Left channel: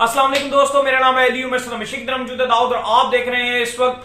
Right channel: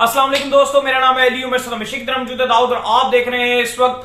अस्सलाम वालेकुम दोस्तों, मेरा नाम है अली उमर दाऊद और आप देख रहे हैं इस वक्त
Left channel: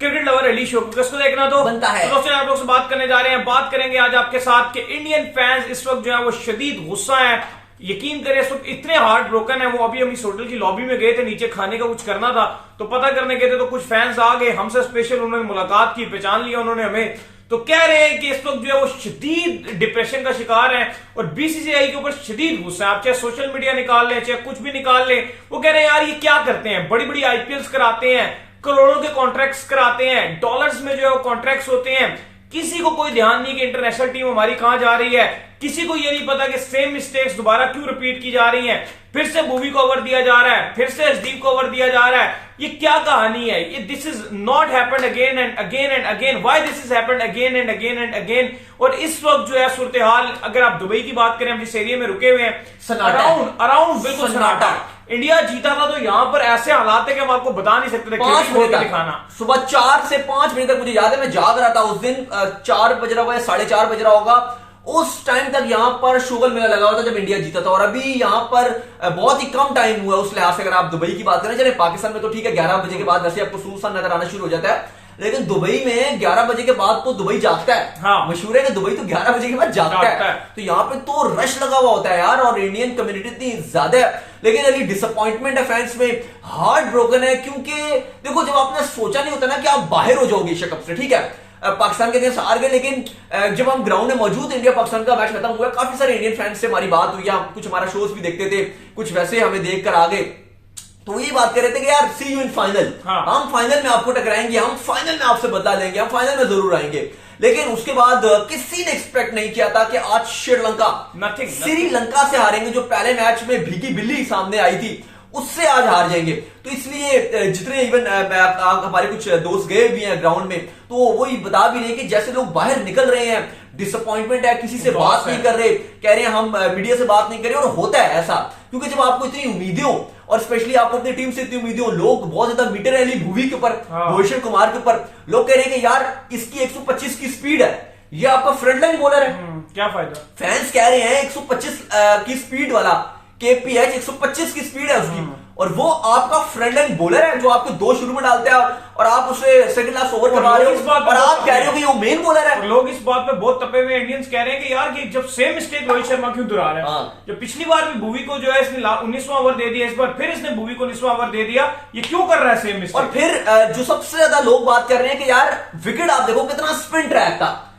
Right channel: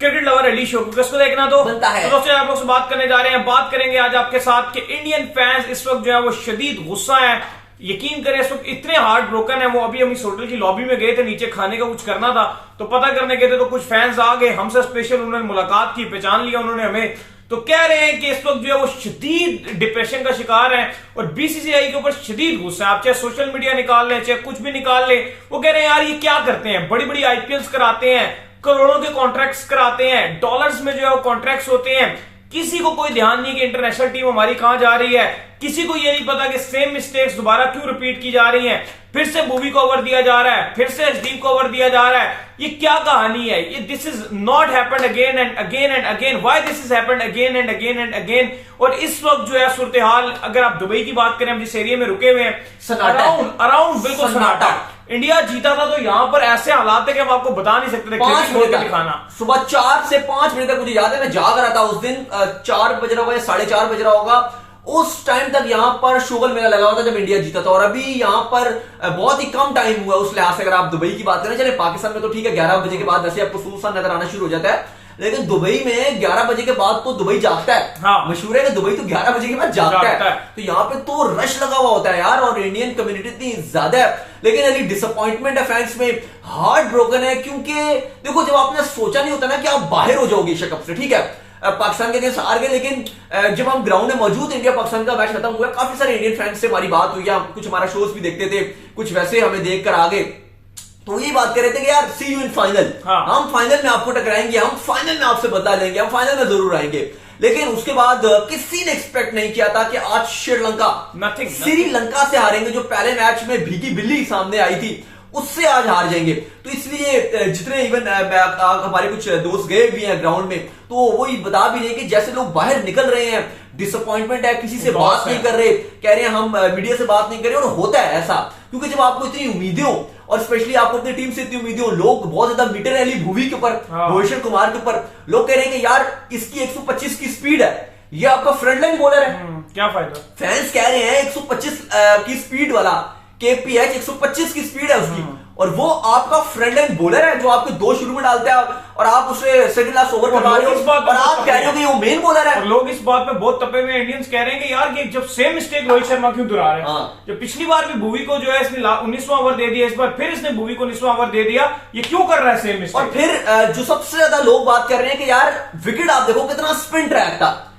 क्रिकेट लवर अली शो। किसको देखना तो बनता है। तो दोस्तों आप लोग से बात करने जा रहे हैं। बात करेंगे आज आपके साथ कि इंडियन फैंस इस वक्त जो है वो शदीद गुस्सा है। यकीन करें इस वक्त इतने हार्ट ब्रोकन है। वो अभी हम इस होटल की लॉबी में गए थे, नीचे खाने का कुछ करना था तो पता करने गए थे तो कुछ फैंस आ गए हमसे स्पेशल, उन्होंने मुलाकात की, पहचान लिया उन्होंने हमें। तो कह रहे हैं कि इस वक्त जो है वो शदीद डिप्रेशन का शिकार है और बीसीसीआई के ऊपर शदीद गुस्सा है। आप चाहे सोशल मीडिया निकाल लें, चाहे कुछ भी निकाल लें, वो कह रहे हैं यार ये क्या करते हैं, बड़ी बड़ी आईपीएल्स कराते हैं, करोड़ों के कॉन्ट्रैक्ट्स कराते हैं, डॉलर्स में जो है वो कॉन्ट्रैक्ट्स होते हैं, किसी को कोई ध्यान नहीं कि इंटरनेशनल टीम हमारी कहां जा रही है, किसी को ये नहीं पता कि सेम मिस्टेक्स दोबारा क्यों रिपीट की जा रही हैं, फिर से मूवी को ओवर दिया जा रहा है, फिर से एचडी को ओवर दिया जा रहा है। ये क्या कहानी है? ये this is not happened again and again and again. Why this is happened again and again and again? और इस वक्त जो है सूरत हाल, अगर आप दुबई की बात करें, हम जिस एरिया में रुके हुए हैं, अराउंड बिल्कुल सन्नाटा। इंडिया जीता था तो यहां पर ऐसे हालात है कि हम आपको बता नहीं सकते थे। 5 बजे दिखाना सुबह 4 से 5 बजे तक मुझे याद है, मैं जाग रहा था उस दिन। 4 बज रहा होगा या 4:30 बज रहा होगा। उस टाइम तक यहां पर शुगल मेला लगा हुआ था जब इंडिया जीता था। और अभी यहां पर बहुत ही कम टाइम हुआ उस लिहाज से। अगर आप दुबई की बात करें, चले पाकिस्तान में तो ठीक है 11 बजे के बाद वैसे आपको सुनसान नजर आना शुरू हो जाता है, लेकिन दुबई में 11 बजे के बाद तो दुबई जागता है। हाँ। मशहूर है कि दुबई तो 11 बजे के बाद जागता है। तो यहाँ पे तो रश लगा हुआ होता है यार, और इंडियन कम्युनिटी इतनी ज्यादा है। लेकिन अभी डिसअपॉइंटमेंट है फैंस में, हार्ट ब्रोकन है। क्योंकि देखो, जब आपने सोचा नहीं होता ना कि आप बाहर हो जाओगे एशिया कप से, ठीक है पाकिस्तान के अगेंस्ट हार गए, लेकिन जब हम ग्राउंड में मौजूद, इंडिया पाकिस्तान का मैच खत्म हुआ, काफी सारे इंडियन फैंस से हमारी बात हुई, कुछ हमारा शोज भी देखते थे, कुछ वैसे हमें देखकर आ गए, तो ये बात कर रहे थे कि यार सी यू इन फाइनल। हाँ। हम फाइनल में आपको टकराएंगे, हम फाइनल में आपसे बदला लेंगे, हम फाइनल में जरूर आएंगे। लेकिन उसके बाद किसी ने एक्सपेक्ट नहीं किया था कि आज श्रीलंका से हारेंगे, जो पहले मैच में भीगी बिल्ली सामने आई थी उससे आज हार जाएंगे। तो इसलिए जितने इवन हमारे कुछ दोस्त गए भी हैं ग्राउंड में, तो वही बता भी रहे कि जैसे लोग बाहर निकल रहे हैं, डिसअपॉइंटमेंट है, किसी से बात नहीं कर रहे, कह रहे हैं हम मीडिया से बात नहीं कर रहे। और होता है ऐसा, क्योंकि जब आपको इतनी उम्मीदें हो और स्पेशली आपको अपनी टीम से इतनी उम्मीदें हो, लोग बहुत ज्यादा मीटर अली भुवी के ऊपर, भुवनेश्वर कुमार के ऊपर लोग कह रहे हैं कि यार इसकी 125 की स्पीड है, ये आपका फ्रंट लाइन बॉलर है, क्या फायदा। फैंस कह रहे हैं 125 की स्पीड वाला केपीएच 125 की स्पीड है उसकी, और वो आपका फ्रंट लाइन बॉलर है जो आपको 2 शुरू में डालते हैं और आप उसे सेकंड लास्ट ओवर करवा रहे हो, और आप कह रहे हो कि वो मेन बॉलर है। और लोग इस बात पे बहुत तपे हुए इंडियंस कह रहे हैं कि यार ये जब सेम मिस्टेक रोहित शर्मा क्यों दोहरा रहे हैं। हाँ। जब पिछली बार भी भुवी को जो है इसने 19वां ओवर दे दिया, इस बार फिर इसने भुवी को 19वां ओवर दे दिया, ये क्यों कर रहा है सेम मिस्टेक? और फिर जो सबसे ज्यादा लोग बात कर रहे हैं कि यार विकेट आप देखो कितना स्पिन ट्रैक था,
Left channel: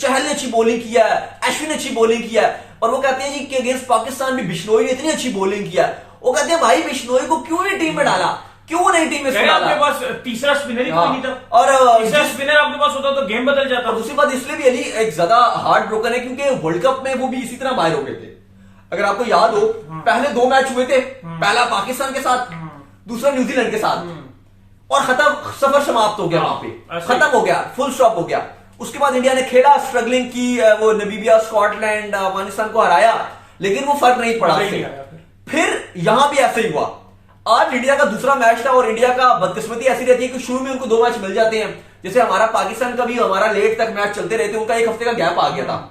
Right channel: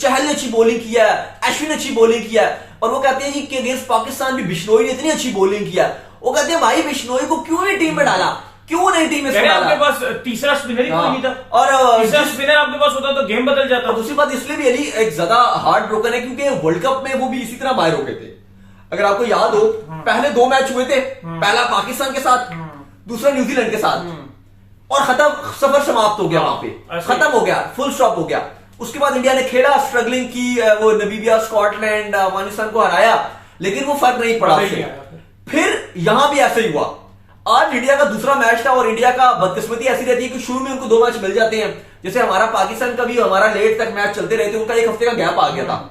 चहल ने अच्छी बॉलिंग किया है, अश्विन ने अच्छी बॉलिंग किया है, और वो कहते हैं जी कि अगेंस्ट पाकिस्तान भी बिश्नोई ने इतनी अच्छी बॉलिंग किया है। वो कहते हैं भाई बिश्नोई को क्यों नहीं टीम में डाला, क्यों नहीं टीम में डाला? आपके पास तीसरा स्पिनर ही कोई नहीं था, और तीसरा स्पिनर आपके पास होता तो गेम बदल जाता। दूसरी बात इसलिए भी अली एक ज्यादा हार्ट ब्रोकन है क्योंकि वर्ल्ड कप में वो भी इसी तरह बाहर हो गए थे। अगर आपको याद हो, पहले 2 मैच हुए थे, पहला पाकिस्तान के साथ, दूसरा न्यूजीलैंड के साथ, और खत्म, सफर समाप्त हो गया, वहां पे खत्म हो गया, फुल स्टॉप हो गया। उसके बाद इंडिया ने खेला, स्ट्रगलिंग की, वो नमीबिया, स्कॉटलैंड, अफगानिस्तान को हराया, लेकिन वो फर्क नहीं पड़ा उससे। फिर यहां भी ऐसे ही हुआ। आज इंडिया का दूसरा मैच था, और इंडिया का बदकिस्मती ऐसी रहती है कि शुरू में उनको 2 मैच मिल जाते हैं। जैसे हमारा पाकिस्तान का भी, हमारा लेट तक मैच चलते रहते, उनका 1 हफ्ते का गैप आ गया था।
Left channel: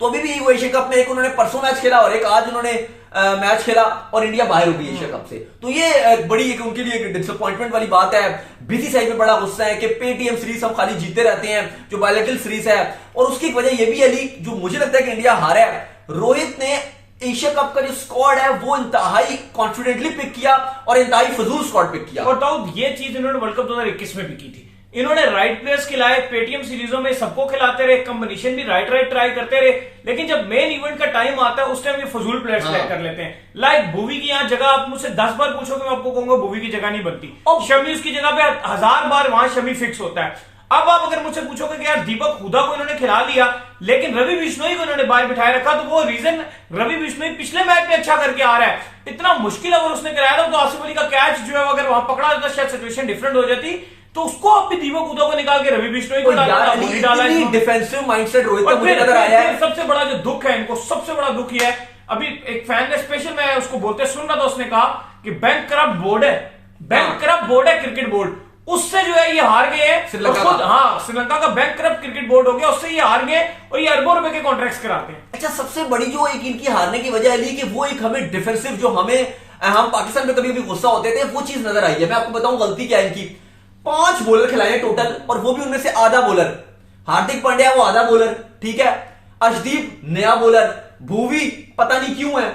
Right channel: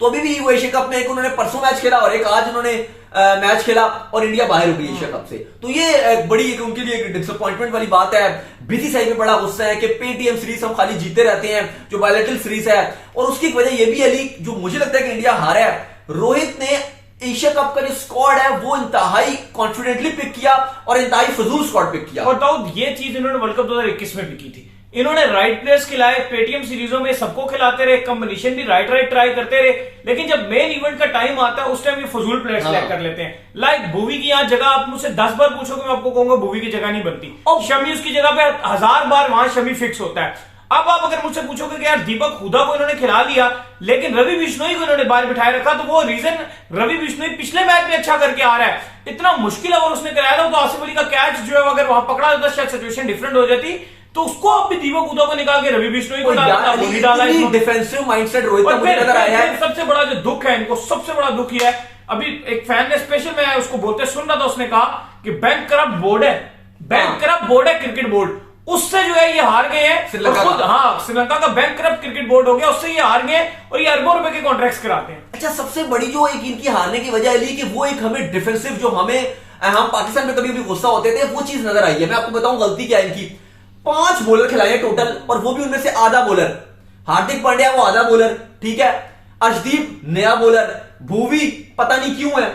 तो अभी भी वो एशिया कप में एक उन्होंने परसों मैच खेला और एक आज उन्होंने मैच खेला, और इंडिया बाहर हो गई एशिया कप से। तो ये बड़ी उनके लिए एक डिसअपॉइंटमेंट वाली बात है। बीसीसीआई में बड़ा गुस्सा है कि पेटीएम सीरीज हम खाली जीते रहते हैं, जो बायलैटरल सीरीज है। और उसकी वजह यह भी अली, जो मुझे लगता है कि इंडिया हारा है, रोहित ने एशिया कप का जो स्क्वाड है वो इंतहाई कॉन्फिडेंटली पिक किया और इंतहाई फजूल स्क्वाड पिक किया। और दाऊद ये चीज इन्होंने वर्ल्ड कप 2021 में भी की थी। इन्होंने राइट प्लेयर्स खिलाए, पेटीएम सीरीजों में सबको खिलाते रहे, कॉम्बिनेशन भी राइट ट्राई करते रहे, लेकिन जब मेन इवेंट का टाइम आता है उस टाइम ये फजूल प्लेयर्स सिलेक्ट कर लेते हैं। लाइक भुवी की यहाँ जगह आप मुझसे 10 बार पूछोगे, मैं आपको कहूंगा भुवी की जगह नहीं बनती। शमी उसकी जगह पे 1000 बार वहां शमी फिक्स होता है। अब आप अगर मुझसे पूछोगे कि यार दीपक हुडा को इन्होंने खिला लिया, लेकिन रवि बिश्नोई को इन्होंने बाहर बिठाए रखा, तो वो रीजन रवि बिश्नोई पिछले मैच में अच्छा करके आ रहा है, इतना मुश्किल ओवर उसने कराया था, तो आसिफ अली का कैच जो है अगर वहां पकड़ा जाता, शायद सिचुएशन डिफरेंट हो जाती। तो उसको अब भी दीपक हुडा को निकाल के रवि बिश्नोई को डाला, डिफेंसिव माइंडसेट रोहित का मुझे नजर आया है। सबसे बड़ा जो दुख है इनको, सबसे बड़ा दुख ये है, अभी एक फैन ने स्पेशल, मैं उसको बोलते सुन रहा था, उसने कहा कि बैंक करप्ट बोर्ड है, बैंक करप्ट बोर्ड है क्रिकेट बोर्ड, उससे जो है ये हार गए हैं। श्रीलंका का बैंक करप्ट क्रिकेट बोर्ड हो गया, उससे ये हार गए और ये अरबों रुपए के कॉन्ट्रैक्ट्स कराते हैं। अच्छा, सबसे बड़ी जो एक इनकी हारने की वजह है कि वो एक हमें डिफेंसिव, जो हमें हम पाकिस्तान में कभी भी गुस्सा होते थे, वो चीज नजर आई है। मैं आपको बताऊं गलती क्या है इनकी, 5 बॉलर खिलाए हैं टोटल, और वो भी उनमें से आधा बॉलर। हार्दिक पांड्या वो आधा बॉलर, ठीक है, अर्शदीप नया बॉलर, भुवी पता नहीं क्यों है,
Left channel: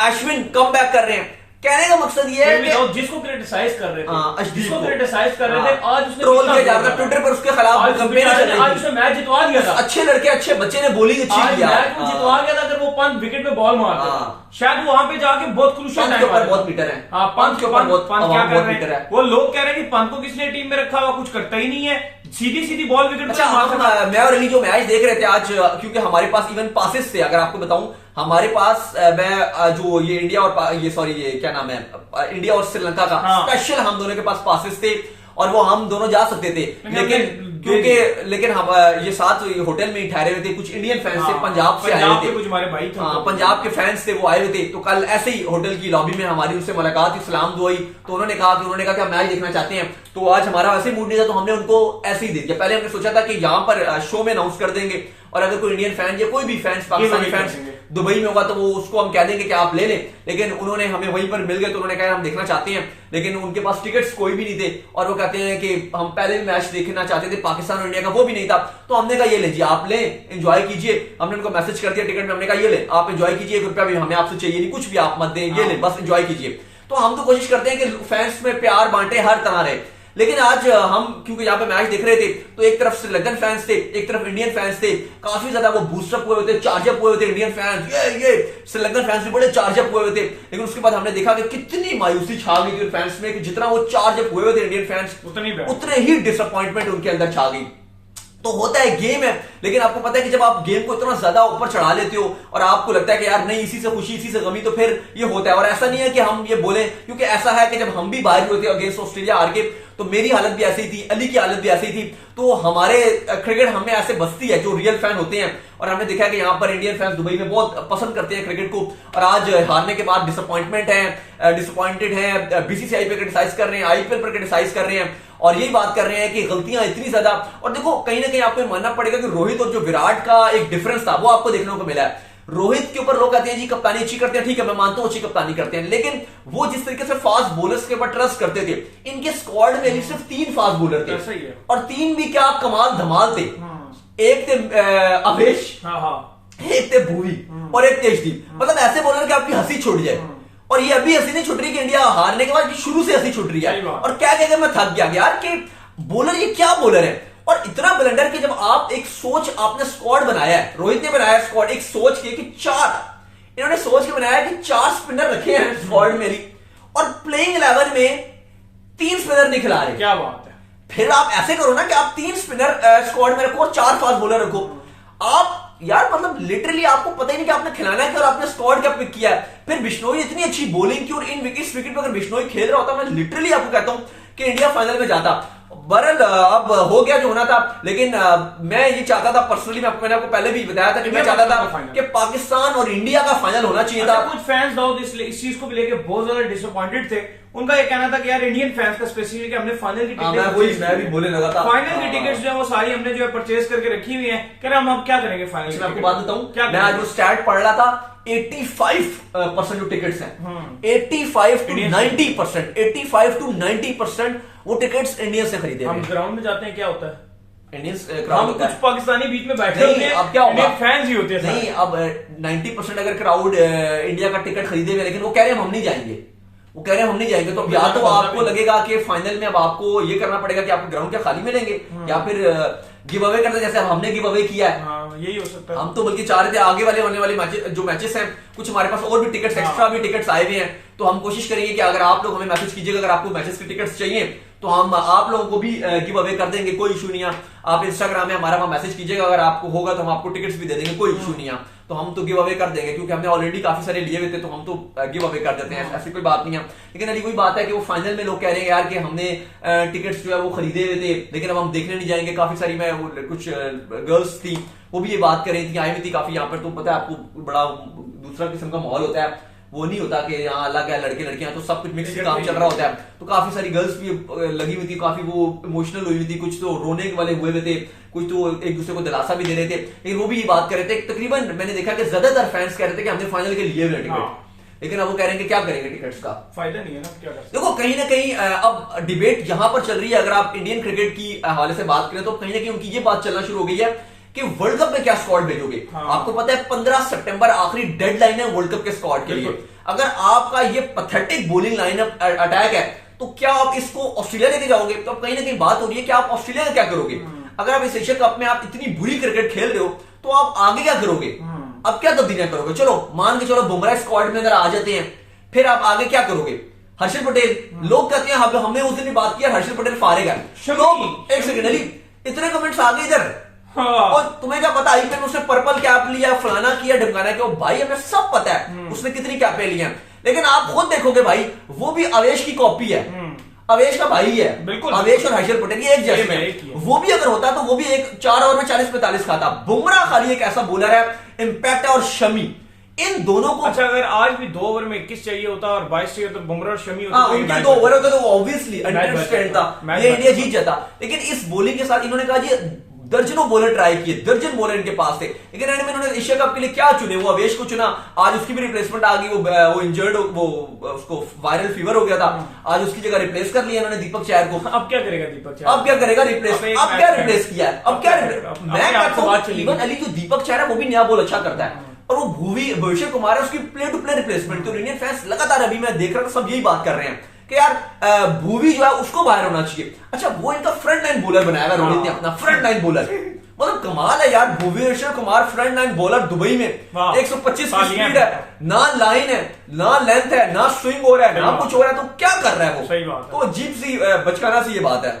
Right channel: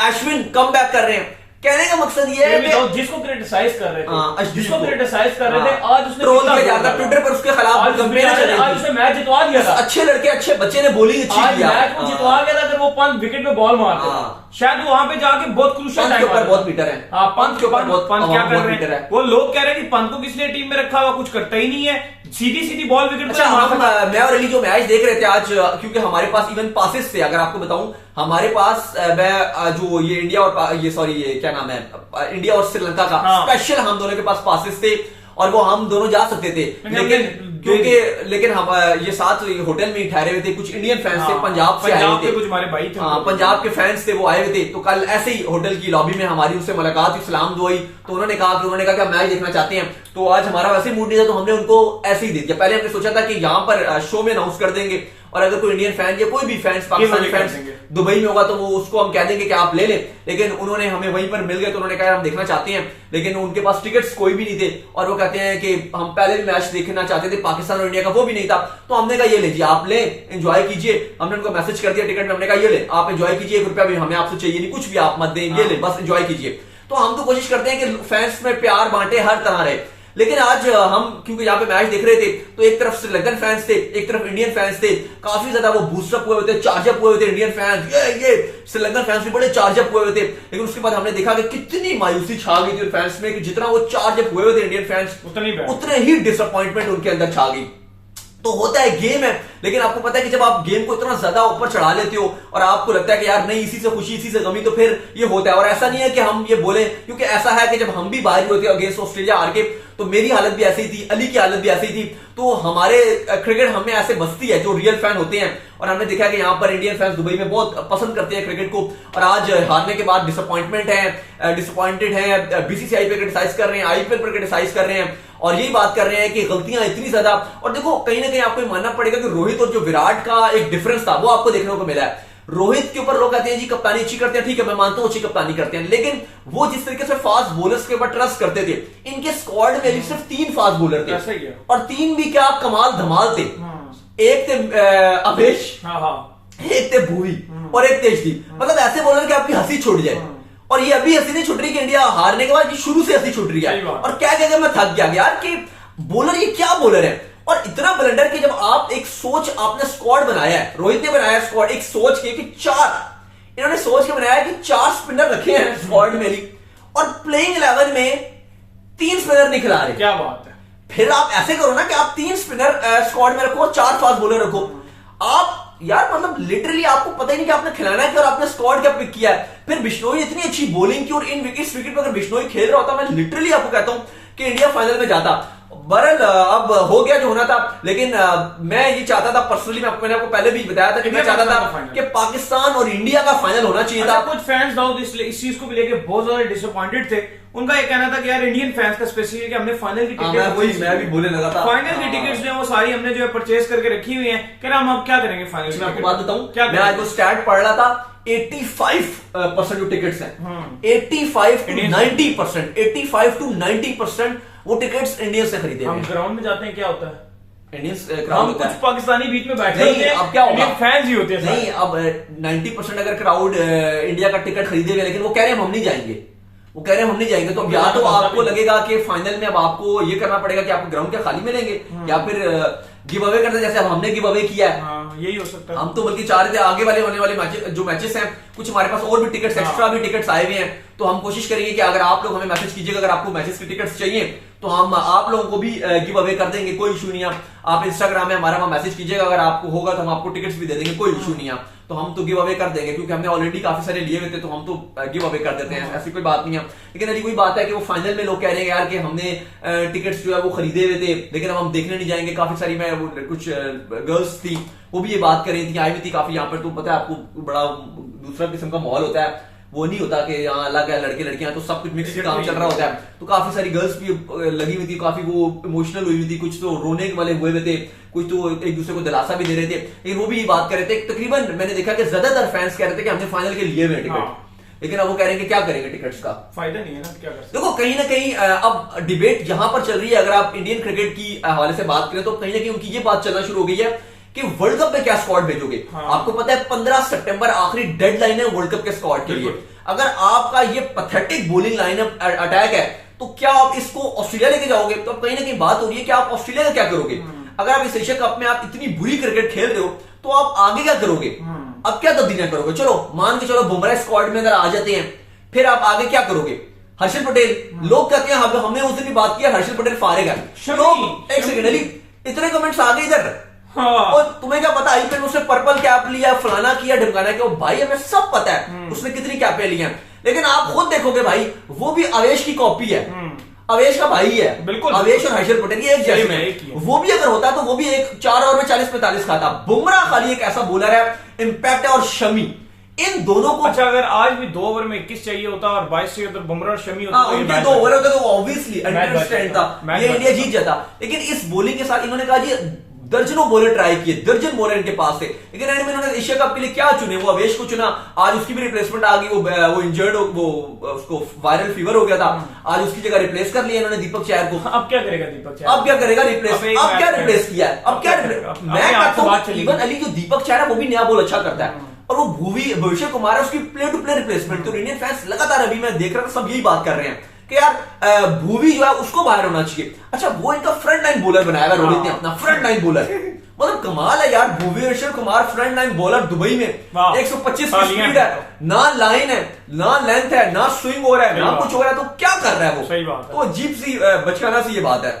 अश्विन कम बैक कर रहे हैं। कहने का मकसद ये है कि जिसको क्रिटिसाइज कर रहे थे, जिसको को क्रिटिसाइज कर रहे थे, आज उसने ट्रोल कितना किया जा बोला रहा था ट्विटर पर, उसके खिलाफ आज कंपेन चल रही आज थी। उसने मैच जितवा दिया था, अच्छे लड़के अच्छे बच्चे ने बॉलिंग अच्छी आज किया, मैच को जितवा गया था अगर वो पंत विकेट पे बॉल मारते हाँ। शायद वहां पे जाके बहुत क्रूशियल पंत के टाइम ऊपर बहुत पीटर है। हाँ, पंत के ऊपर बहुत पंत क्या कर बहुत रहे पीटर हैं, है। वो लोग कह रहे हैं कि पंत को किसने टीम में रखा हुआ, कुछ करता ही नहीं है, सीधी सीधी बॉल विकेट अच्छा, पे मार सकता है। मैं और अली जो मैच देख रहे थे आज, क्योंकि हमारे पास इवन पासेस थे, अगर आपको बताऊं हमारे पास मैं जो ये इंडिया और ये सॉरी ये क्या नाम है, इंडिया और श्रीलंका का हाँ। स्पेशल हम दोनों के पास पासेस थे, और वो हम दोनों जा सकते थे, लेकिन हम ये साथ होटल में ही ठहरे हुए थे। कुछ इंडियन फैंस थे, पंजाब से आए हुए थे, कुछ हमारे भाई थे, हाँ, पंजाब के फैंस थे, वो आए हुए थे। तो कल ऐसे ही होटल की लॉबी में हमारी उनसे मुलाकात हुई, सलाम दुआई, तो उन्होंने कहा कि आप मैच देखना चाहते हैं, तो आज हमारा वैसे मूड नहीं था, तो हमने उनको ऐसे ही दे दिया। पहले हमने सोचा था कि यहाँ पर शो में अनाउंस कर देंगे, और अगर कोई इंडियन फैन या कोई भी फैंस पाकिस्तानी फैंस दुबई में होगा तो वो उसको हम कह देंगे कि आप ले लें, लेकिन उन्होंने हमें वहीं पर मिल गए, तो उन्होंने कहा हम देखना चाहते हैं, लेकिन उनके पास टिकट्स कोई भी नहीं थे, और वो कहते हैं कि हम पहले भी मैच देखना चाहते थे पाकिस्तान और इंडिया का, वो भी नहीं था। तो हमने कहा ये लीजिए आप ले, एंजॉय कीजिए। हमने उनको मैसेज कर दिया टिकट में, हमने कहा ये ले आप एंजॉय कीजिए, 1 रुपया भी हमें आपसे चाहिए नहीं, कुछ भी आप मत दें, ये ले बस एंजॉय कीजिए। तो हम तो कोशिश करते हैं कि फैंस में प्यार बांटे, हर तरह रहे। लेकिन आज हम क्योंकि यहाँ पे मैच देख रहे थे, तो एक तरफ श्रीलंकन फैंस थे, एक तरफ इंडियन फैंस थे, काफी ज्यादा वो बूस्टअप हुए थे, चार्जअप हुए थे। इंडियन फैंस ये श्रीलंकन फैंस भी बड़े चार्जअप हुए थे, लेकिन उसके बाद हमने देखा कि कितनी मायूसी छा गई थी फैंस में, कि जितना वो चार्जअप हुए थे इंडियन फैंस, उतने ही डिसअपॉइंटमेंट उनके अंदर छा गई। तो होता है, गेम है, लेकिन आपको पता है कि जब आप गेम को इतना ज्यादा ऊपर चढ़ा लेते हो और आपको लगता है कि यार नहीं इसी से खुशी इसी से गमी, तो फिर ये होता है। और ऐसा नहीं है कि हम ये बोले, क्योंकि ऐसा है कि जब हम भी बाहर होते हैं अगेंस्ट ऑस्ट्रेलिया हार के, तो मेरी हालत भी ऐसी ही थी, अली की हालत भी ऐसी ही थी। तो हमारे क्रिकेट हमें ऐसे बसती है जो रियल फैन होते हैं, और हमने देखा कि यहाँ पर इंडियन फैंस दुबई में बहुत पसंद करते हैं क्रिकेट को, और आज हारने के बाद डिसअपॉइंटेड है, बीसीसीआई पे क्रिटिसाइज कर रहे हैं, आईपीएल पर क्रिटिसाइज कर रहे हैं, और यही बात कर रहे हैं कि गलतियां इतनी ज्यादा। और देखो कहीं ना कहीं आपको मानना पड़ेगा कि रोहित और जो विराट का एक डिफरेंस था वो आपको देखने को मिला है। रोहित के ऊपर लोग कहते हैं जी कप्तानी अच्छी करते हैं, ठीक है मैं मानता हूं अच्छी कप्तानी करते हैं, लेकिन वो जिस तरीके से फास्ट बॉलर्स के ऊपर ट्रस्ट करते थे, इनके स्क्वाड में सिर्फ 3 फास्ट बॉलर थे, और 3 भी क्या कमाल धमाल थे। एक थे अवेश, एक थे भुवी, और एक तेजदीप। मतलब ऐसे बॉलर कि आपकी हंसी छूट जाए, और ये अभी हंसी नहीं छूट रही कि इंडिया हारने के बाद शुरू से हंसी छूट रही है। और क्या कहकर मैं थक गया यार कि बॉलर ये क्या बॉलर है, और इतना ब्लंडर कि जब आप एक सोच आपने स्क्वाड बनाया है, रोहित ने बनाया स्क्वाड एक सोच के कि 4 इन्होंने सोच के बनाया कि 4 स्पिनर रखे हैं स्क्वाड मेरी, और प्लेइंग 11 में 3 स्पिनर नहीं खिला रहे। क्या बात है। फिर आप ऐसे करो ना कि आप 3 स्पिनर स्क्वाड में रखो और 4 फास्ट बॉलर रखो। आप यार मतलब लिटरली आपको पता ही नहीं कि आपने खिलाना है कि, और आपने स्क्वाड क्या पिक किया है। फिर बिश्नोई इतनी अच्छी बॉलिंग की, और इस विकेट पर अगर बिश्नोई खेल रहा होता, मैं लिटरली आपको कहता हूं कि इंडिया फाइनल में जाता। बहरहाल अब हो गया जो होना था, लेकिन मैं ये चाहता था पर्सनली, मैंने आपको पहले भी बताया था कि मैं चाहता था कि पाकिस्तान और इंडिया का फाइनल होना चाहिए था। कुछ फैंस दाऊद इस चीज को लेकर बहुत ज्यादा डिसअपॉइंटेड थे। उनका ये कहना था कि यार इंडियन फैंस का स्पेसिफिक हमने फाइनल की टिकट, मैं भी बोलने लगा था, फाइनल की टिकट्स जो है वो सारी हमने जो है परचेज करके रखी हुई है। कह रहे हम अब क्या करेंगे फाइनल। मैं आपको बात बताऊं, मैं आज वो स्टैट पढ़ रहा था, 85% जो टिकट्स हैं, 85 to 90%, 85 to 90% वो टिकट्स इंडियन से खरीदे। हम ग्राउंड में जाते हैं क्या होता है, हम कुछ पाकिस्तानी बीच में बैठे होते हैं, अब क्या होगा, फैंस ही होते हैं। नहीं अब 90% अगर क्राउड इंडिया का टिकट खरीदे हुए, लेकिन वो कह रहे हैं हम नहीं जाएंगे, वो कह रहे हैं हम नहीं जाएंगे। तो या तो आपको लगेगा कि फाइनल में अब आपको ये करना पड़ेगा कि आपको ग्राउंड क्या खाली मिलेंगे, या फिर गिव अवे करना, जैसे अब हमने गिव अवे किया है। यही हो सकता है। हम तो बल्कि चाह रहे थे आगे वाले जो मैचेस हैं, कुछ हमारे पास और भी टिकट्स, एक्स्ट्रा भी टिकट्स आए हुए हैं, तो हम कोशिश करेंगे कि अगर आप लोग हमें मैसेज कीजिएगा, अगर आपको मैचेस की टिकट्स चाहिए तो हम आप लोगों को भी गिव अवे कर देंगे, कोई इशू नहीं है। आप इंस्टाग्राम में हमारा मैसेज कीजिएगा, अगर आपको होगा तो हम आपको टिकट्स भी दे देंगे, कोई इशू नहीं है। तो हम तो गिव अवे कर देंगे, क्योंकि हमने ऑलरेडी काफी सारे लिए हुए थे, तो हम तो गिव अवे कर देते हैं, ऐसी कोई बात नहीं है। लेकिन अभी कोई बात है कि वो फाइनल में लोग कह रहे हैं यार कि हमने टिकट्स जो है वो खरीदे हुए थे, लेकिन अब हम देखने नहीं जाएंगे। काफी सारी मैं कुछ गर्ल्स थी वो भी ये बात कर रही थी, आई भी थी काफी यहाँ पर। तो पता है आपको बड़ा दूसरा किस्म का माहौल होता है, वो नहीं होता कि यहाँ अलग है लड़के लड़कियां, तो सब कुछ मिक्स काम चल रहा होता है। तो काफी सारी गर्ल्स भी लगी हुई थी, काफी वो इमोशनल हुई थी, कुछ तो रोने वाले हुए थे, कुछ तो एक दूसरे को दिलासा भी दे रहे थे। लेकिन वो भी ये बात कर रहे थे, तकरीबन मैंने देखा कि ज्यादातर फैंस कह रहे थे कि हमने फाइनल के लिए हुए टिकट, लेकिन अब वो कह रहे हैं कि क्या करेंगे टिकट्स का। फायदा नहीं है ना, क्या कर सकते देखो कहीं ना कहीं अब डिबेट यहां पर चल रही है। अगर आप इंडियन क्रिकेट की हवाले से बात करें तो कहीं ना कहीं उनकी ये बात चलना शुरू हो गई है कि वर्ल्ड कप में क्या स्क्वाड भेजोगे। हाँ। आपको पता है 15 सितंबर आखिरी डेडलाइन है वर्ल्ड कप के स्क्वाड के लिए। अगर आपका ये पथेटिक बॉलिंग लाइनअप अटैक है तो क्या आप इसको ऑस्ट्रेलिया लेके जाओगे? तो अब कहीं ना कहीं बात हो रही है कि आप ऑस्ट्रेलिया का क्या करोगे। अगर आप इस एशिया कप में आप इतनी बुरी क्रिकेट खेल रहे हो तो आप आगे क्या करोगे? अब क्या तब्दीलियां करोगे? चलो मान के चलो बुमराह स्क्वाड में अगर आ जाते हैं, फिर आप आगे क्या करोगे? हर्षल पटेल, लोग कहते हैं हमने उस दिन भी बात किया हर्षल पटेल फारेगा। लोग एक सेकंड अली, इतने कमेंट्स आ गए इधर। हाँ। और तुम्हें क्या पता आईपीएल में उसने पर्पल कैप लिया, फलाना किया, ढमकाना किया। भाई हमें सब पता है उसने कितनी कैपें ली हैं, लेकिन आप खुद देखोगे भाई वो भी अवेश की कॉपी है। अवेश का भाई है बिल्कुल। अवेश और हर्षल पटेल ये एक जैसे एक वो भी अगर होता तो वो भी एक 4 ओवर में 40-45 खाता। बुमराह खाली एक ऐसा बॉलर है, इंपैक्ट है, और शमी, इन दोनों को। अच्छा अगर आज भी 2 ओवर में 21 चाहिए होता और 22 चाहिए तो बुमराह और शमी होता तो ये उनके मैच 2 ओवर होते तो ऑब्वियसली मैच स्ट्रेंथ था, मैच ये बच इंडिया जाता। जीत जाता। लेकिन इस बॉलिंग के साथ इन्होंने कहा जी दर्जनों बॉलर ट्राई किए, दर्जन बॉलर इनके पास थे, लेकिन एंड में इन्होंने एशिया कप के लिए क्या चुने? वो अवेश को चुना। आज उसकी भी रिप्लेसमेंट आ गई, वो इंजर्ड, वो उसको वायरल फीवर हो गया था, आज उसकी जगह रिप्लेस कर लिया इन्होंने दीपक चहर को। अब क्या करेगा दीपक चहर? अब क्या करेगा रिप्लेस? अब एक अब क्या मैच रिप्लेस किया है? अब क्या मैं कहता हूं इवन अली जो दीपक चहर है वो भी नया बॉल अच्छा करता है, और वो भुवनेश्वर कुमार है उसकी प्ले टू प्ले रिप्लेसमेंट। तो इंडियन फैंस लगातार अभी मैं देख रहा था सब यही बात कर रहे हैं कि यार भूवी जो है उसको बाहर होना चाहिए। अच्छा वो इनका फ्रंट लाइन बॉलर बनाया हुआ रोहित ने अपना फ्रंट लाइन बॉलर, मतलब कमाल है यार। Bhuvneshwar Kumar front line bowler Dubai में 125 की स्पीड है, ना लाइन है, ना लेंथ है, ना स्विंग हो रहा है, ना कुछ हो रहा है, तो क्या कर रहा है वो? सही बात है। तो अजीब सी बचकाना सी ये बात है।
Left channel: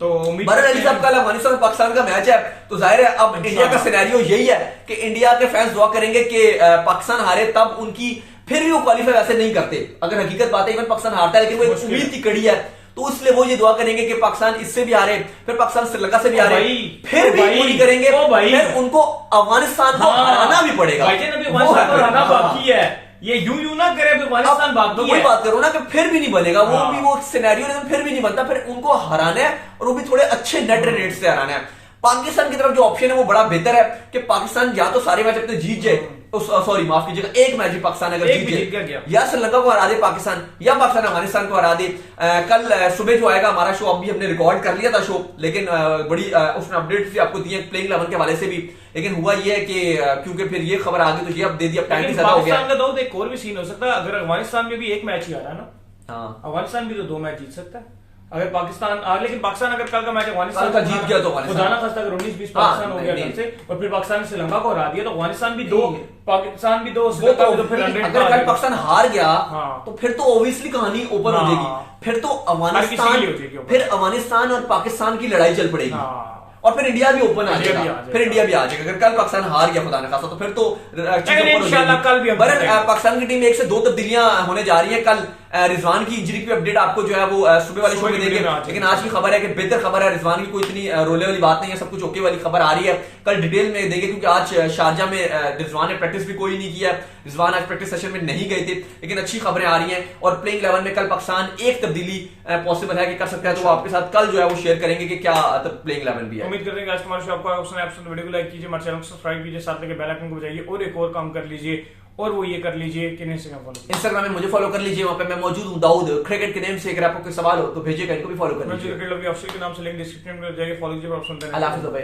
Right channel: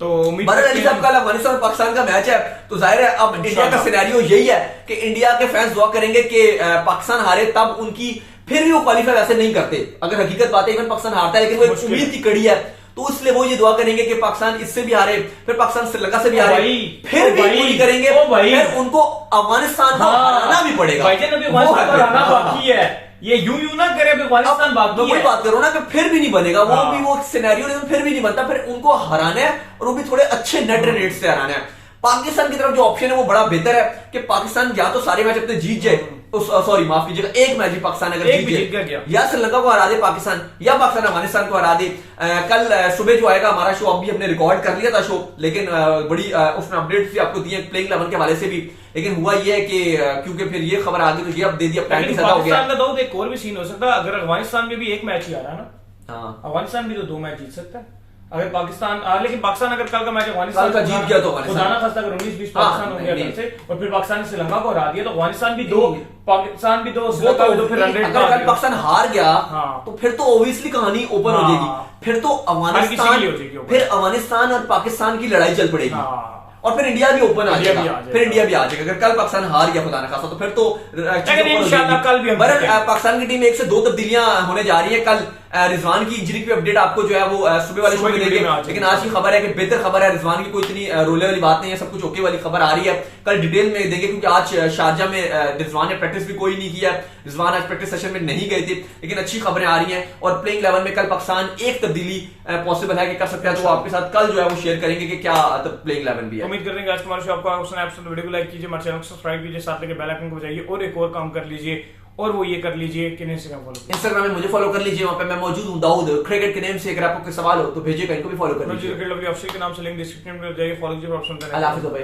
तो बरर अली साहब कल अफगानिस्तान और पाकिस्तान का मैच है, तो जाहिर है अब इंडिया का सिनेरियो यही है कि इंडिया के फैंस दुआ करेंगे कि पाकिस्तान हारे, तब उनकी फिर भी वो क्वालिफाई वैसे नहीं करते। अगर हकीकत बात है इवन पाकिस्तान हारता है, लेकिन वो एक उम्मीद की कड़ी है, तो इसलिए वो ये दुआ करेंगे कि पाकिस्तान इससे भी हारे, फिर पाकिस्तान श्रीलंका से भी हारे, फिर भी वही करेंगे, फिर उनको अफगानिस्तान को हराना भी पड़ेगा। अफगानिस्तान को हराना बाकी है, ये यूं ना करे अफगानिस्तान बाकी है। वही बात करो ना कि फिर भी नहीं बनेगा वो भी, वो सिनेरियो फिर भी नहीं बनता, फिर उनको हराना है और वो भी थोड़े अच्छे नेट रेट से हराना है। पाकिस्तान की तरफ जो ऑप्शन है वो बड़ा बेहतर है कि पाकिस्तान या तो सारे मैच अपने जीत जाए, सॉरी माफ कीजिएगा, एक मैच ही पाकिस्तान अगर जीत जाए, या श्रीलंका को हरा दे पाकिस्तान, या पाकिस्तान अफगानिस्तान को हरा दे। कल सुबह जो आएगा हमारा शो, अभी हमने रिकॉर्ड कर लिया था शो, लेकिन बड़ी उसने अपडेट भी आपको दी है प्लेइंग 11 के हवाले से भी, लेकिन हुआ ये है कि क्योंकि फिर ये खबर आ गई तो ये अब दे दिया, पैंतीस हो गया। पाकिस्तान का तो एक और भी सीन हो सकता है, अगर अफगानिस्तान में भी एक मैच ही आ रहा ना, अफगानिस्तान भी तो 2 मैच जीत सकता है अगर पाकिस्तान। लेकिन पाकिस्तान अगर कल का मैच अफगानिस्तान का जीत गया तो खुदाना खास्ता अगर 19-20 पाकिस्तान हो गया कल से, और फिर पाकिस्तान ने श्रीलंका को हरा दिया, तो अफगानिस्तान भी 2, पाकिस्तान भी 2, श्रीलंका भी 2, फिर अगर कल पाकिस्तान हार गया तो फिर तो ओबियसली कहानी ओपन हो जाएगी, फिर तो अफगानिस्तान और पाकिस्तान की लड़ाई चल पड़ेगी, और फिर इंडिया भी ओपन आ जाएगा, फिर इंडिया भी आ जाएगा। अगर कल पाकिस्तान हार गया खुदा न खास्ता तो फिर तो इंशाल्लाह कल भी पाकिस्तान की टीम 1 से 2 तब्दीलियां होने जा रही है। कल रिजवान की इंजरी की अपडेट आपको जो है वो सुबह वाले शो में देंगे, लेकिन आज की खबर है कि बेहतर खबर है, रिजवान की कोई इतनी रोले वाली बात नहीं है, सब कुछ ओके वाली खबर आ रही है। कल डिटेल में देंगे क्योंकि आज शारजा में रिजवान ने प्रैक्टिस भी कोई नहीं किया, रिजवान आज प्रैक्टिस सेशन में नहीं गए थे, लेकिन अच्छी खबरें आ रही हैं। और प्लेइंग 11 में कल पाकिस्तान एक तब्दीली पॉसिबल है कि कर सकता है, तो आपके साथ कल जो है वो शेयर करेंगे कि क्या प्लेइंग 11 भी है। उम्मीद करेंगे आज तुम्हारे शो आपको वीडियो को लाइक कीजिए, हमारे चैनल को सब्सक्राइब कीजिए, साथ लेके बेल आइकन को बजाइए, और एक और काम कर लीजिए, और वो ये कर लीजिए कि इंस्टाग्राम में मुझे फॉलो कर लीजिए, वहां पे मैं मौजूद हूं दाऊद क्रिकेट के नेम से। अगर आपको कोई सवाल हो तो भेजिए, इनको भी फॉलो कर लीजिए। के नाम से लिंक डिस्क्रिप्शन में जाइए, फॉलो कीजिए, ऑप्शन अल्लाह हाफिज़ भाई।